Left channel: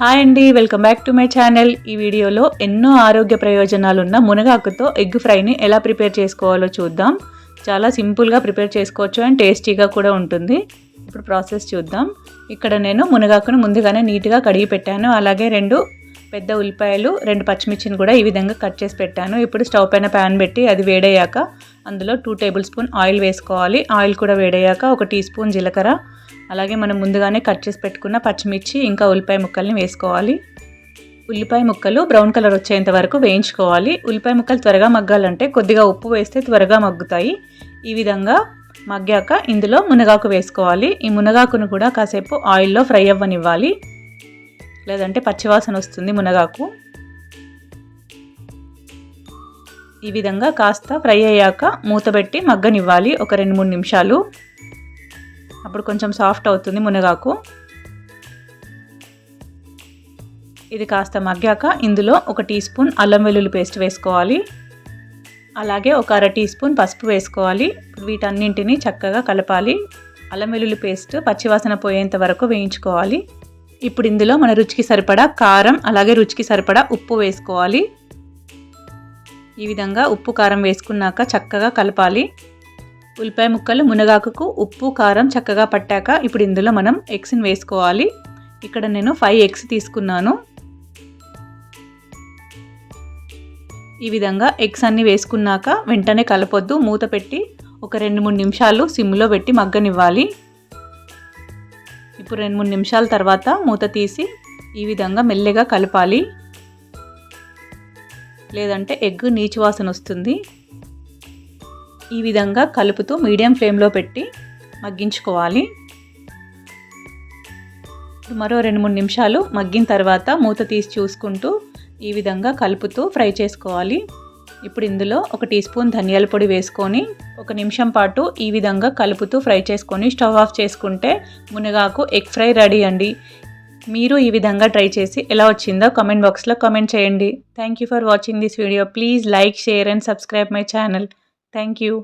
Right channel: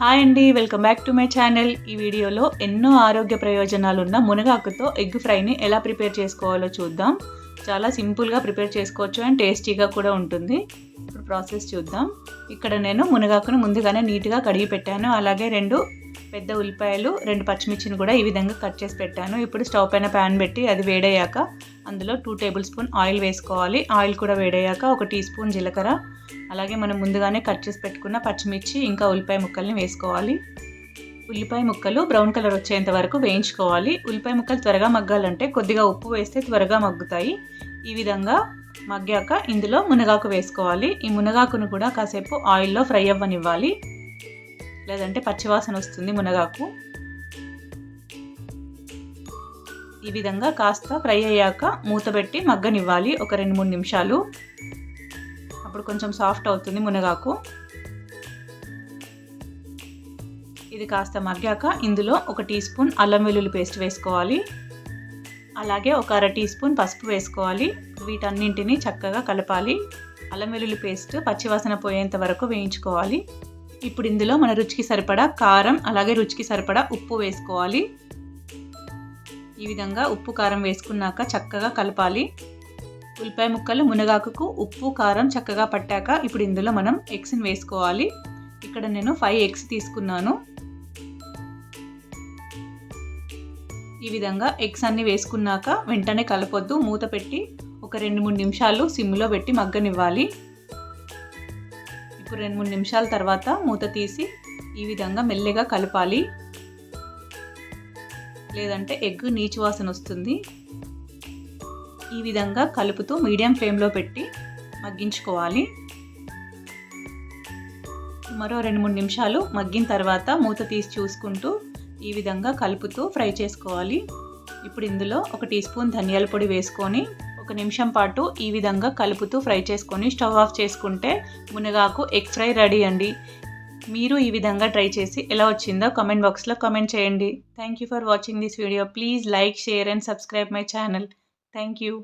Hi అండి, welcome back to my channel. ఈ వీడియోలో ఎన్నో ఆరోగ్య ప్రయోజనాలున్న మునగాకుతో ఎగ్ ఫ్రైని ఎలా ప్రిపేర్ చేసుకోవాలో చూద్దాం. చాలా సింపుల్గా ప్రిపేర్ చేసుకోవచ్చు అండ్ టేస్టీగా కూడా ఉంటుంది. ఇప్పుడు ప్రాసెస్ చూద్దాం. ఇక్కడ నేను మునగాకును ముందుగానే నీట్గా కడిగి పెట్టాను. అలాగే 2 పెద్ద ఉల్లిపాయలు, 2 పచ్చిమిర్చిని కూడా ఈ విధంగా కట్ చేసి పెట్టాను. ఇప్పుడు స్టవ్ పైన ప్యాన్ పెట్టి అది వేడయ్యాక అందులో 2 టేబుల్ స్పూన్ ఆయిల్ వేసుకోవాలి. ఆయిల్ కూడా వేడయ్యాక 1 టీ స్పూన్ జీలకర్ర, అలాగే మనం ముందుగానే కట్ చేసి పెట్టుకున్న పచ్చిమిర్చి ఇంకా ఉల్లిపాయ ముక్కల్ని వేసుకోవాలి. ఉల్లిపాయ ముక్కలు బ్రౌన్ కలర్ వచ్చేంత వరకు వేయించుకోవాలి. ఉల్లిపాయ ముక్కలు త్వరగా మగ్గాలంటే కొద్దిగా ఉప్పు వేస్తే త్వరగా మగ్గుతాయి. ఈ విధంగా మగ్గాక ఇందులో మునగాకు వేసుకోవాలి. ఈ మునగాకును కూడా కాసేపు ఆయిల్లో ఫ్రై అవ్వనివ్వాలి, లేదంటే పచ్చివాసన వస్తుంది మునగాకు. ఈ విధంగా కాస్త ఫ్రై అయ్యాక మూత పెట్టి మగ్గనివ్వాలి ఒక 2-3 నిమిషాలు. అప్పుడు కొంచెం సాఫ్ట్ అవుతుంది మునగాకు. ఇది కాస్త మగ్గాక ఇందులో 1 టీ స్పూన్ అల్లం వెల్లుల్లి పేస్ట్ వేసుకోవాలి. అలాగే 1 అర టీ స్పూన్ పసుపు వేసుకోవాలి. వీటన్నింటినీ చక్కగా కలపాలి. అల్లం వెల్లుల్లి పేస్ట్ పచ్చివాసన పోయేంత వరకు వేయించుకోవాలి. ఇప్పుడు ఇందులో మన రుచికి సరిపడా కారం, అలాగే రుచికి సరిపడా ఉప్పు వేసుకోవాలి. ఈ విధంగా ఉప్పు కారం వేసుకున్నాక చక్కగా కలపాలి. ఉల్లిపాయ ముక్కలు మునగాకుకు ఉప్పు కారం చక్కగా పట్టాక ఇప్పుడు ఇందులో మనం ఎగ్స్ని వేసుకోవాలి. ఇక్కడ నేను 5 ఎగ్స్ తీసుకున్నాను. ఈ విధంగా ఎగ్స్ అన్ని వేసుకున్నాక వెంటనే కలపొద్దు, మూత పెట్టి ఒక 2-3 నిమిషాలు సిమ్లో పెట్టి మగ్గనివ్వాలి. ఇప్పుడు 2-3 నిమిషాల తర్వాత మూత తీసి ఈ విధంగా మెల్లగా కలపాలి, లేదంటే ఎగ్ నీచు వాసన వస్తుంది. ఈ విధంగా కలుపుతూ మీడియం ఫ్లేమ్లో పెట్టి మగ్గించుకోవాలి. మరో 2-3 నిమిషాలు మగ్గిన తర్వాత మూత తీసి చూసుకుంటూ ఈ విధంగా కలుపుతూ ఫ్రై చేసుకోవాలి. ఇప్పుడు ఇందులో 1 టీ స్పూన్ ధనియాల పొడి వేసుకొని 1 నిమిషం పాటు ఈ విధంగా కలుపుతూ ఫ్రై చేసుకొని స్టవ్ ఆఫ్ చేసుకుంటే మునగాకు ఎగ్ ఫ్రై రెడీ అండి. మీరు ఈ విధంగా ట్రై చేసి ఎలా వచ్చిందో కామెంట్ బాక్స్లో కామెంట్ చేయండి. Thank you for watching this video. Please like, share and subscribe my channel. Thank you.